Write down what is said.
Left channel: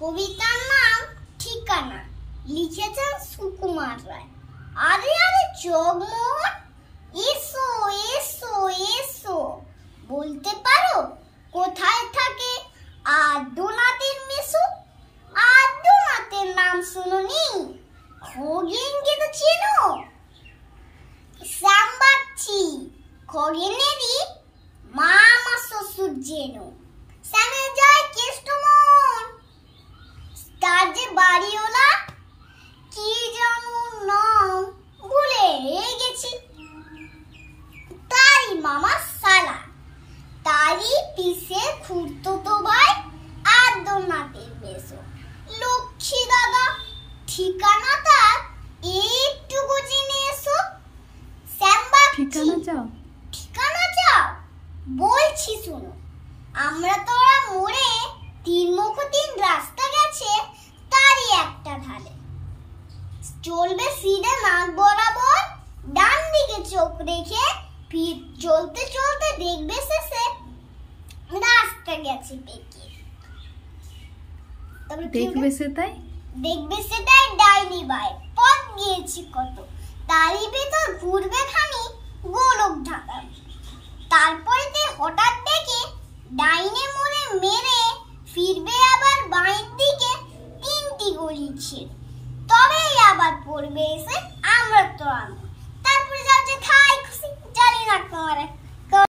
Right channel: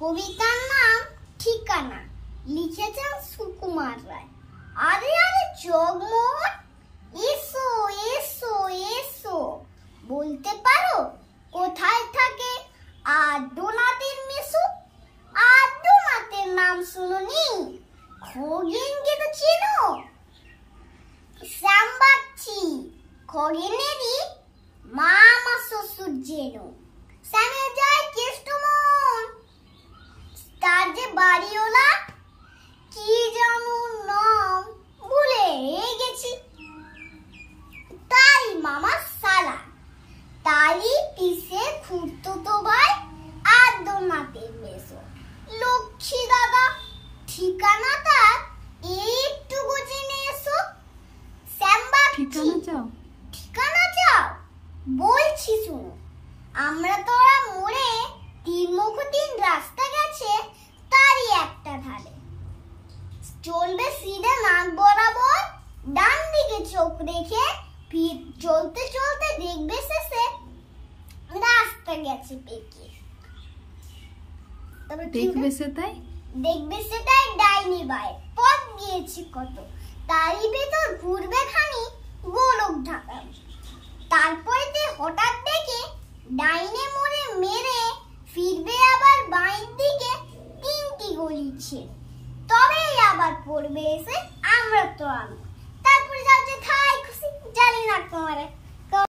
কবিতার নাম ঠিকানা, লিখেছেন সুকুমার রায়। আরে আরে জগমোহন, এসো এসো এসো, বলতে পারো কোথায় থাকে আদ্যনাথের মেসো? আদ্যনাথের নাম শুনুনি? খগেনকে তো চেনো? শ্যামবাচ্চি, খগেনেরই মামা শ্বশুর যেন। শ্যামে যায় কেষ্টমন, তার যে বাড়িওলা কি জানো নাম ভুলে গেছি। তারই মামা সালা, তারই পিসে খুড়তুতো ভাই আদ্যনাথের মেসো। লক্ষ্মী দাদা, ঠিকানাটা একটু জেনে এসো। শ্যামবাচ্চি, ঠিকানা চাও? ঠিকানা চাও? বলছি শুনো। আমরা তোরা মোড়ে তিনমুখ তিন রাস্তা গেছে, তারই একটা ধারে। চলবে সিধে নাক বরাবর, ডান দিকে চোখ রেখে চলতে চলতে দেখবে শেষে রাস্তা গেছে পেকে। দেখবে সেটাই ডাইনি বাই পথ গিয়েছি কত, তারই ভেতর ঘুরবে খানি গোলক ঢাকা। তারপরে হঠাৎ দেখে ডাইনে মোড়ে মেরে ফিরবে আবার বাঁয়ের দিকে তিনটি গলি ছেড়ে, তবেই আবার পড়বে এসে আমরা তো তারপরে যাচ্ছে খাই খুশি, জানি না তোমার।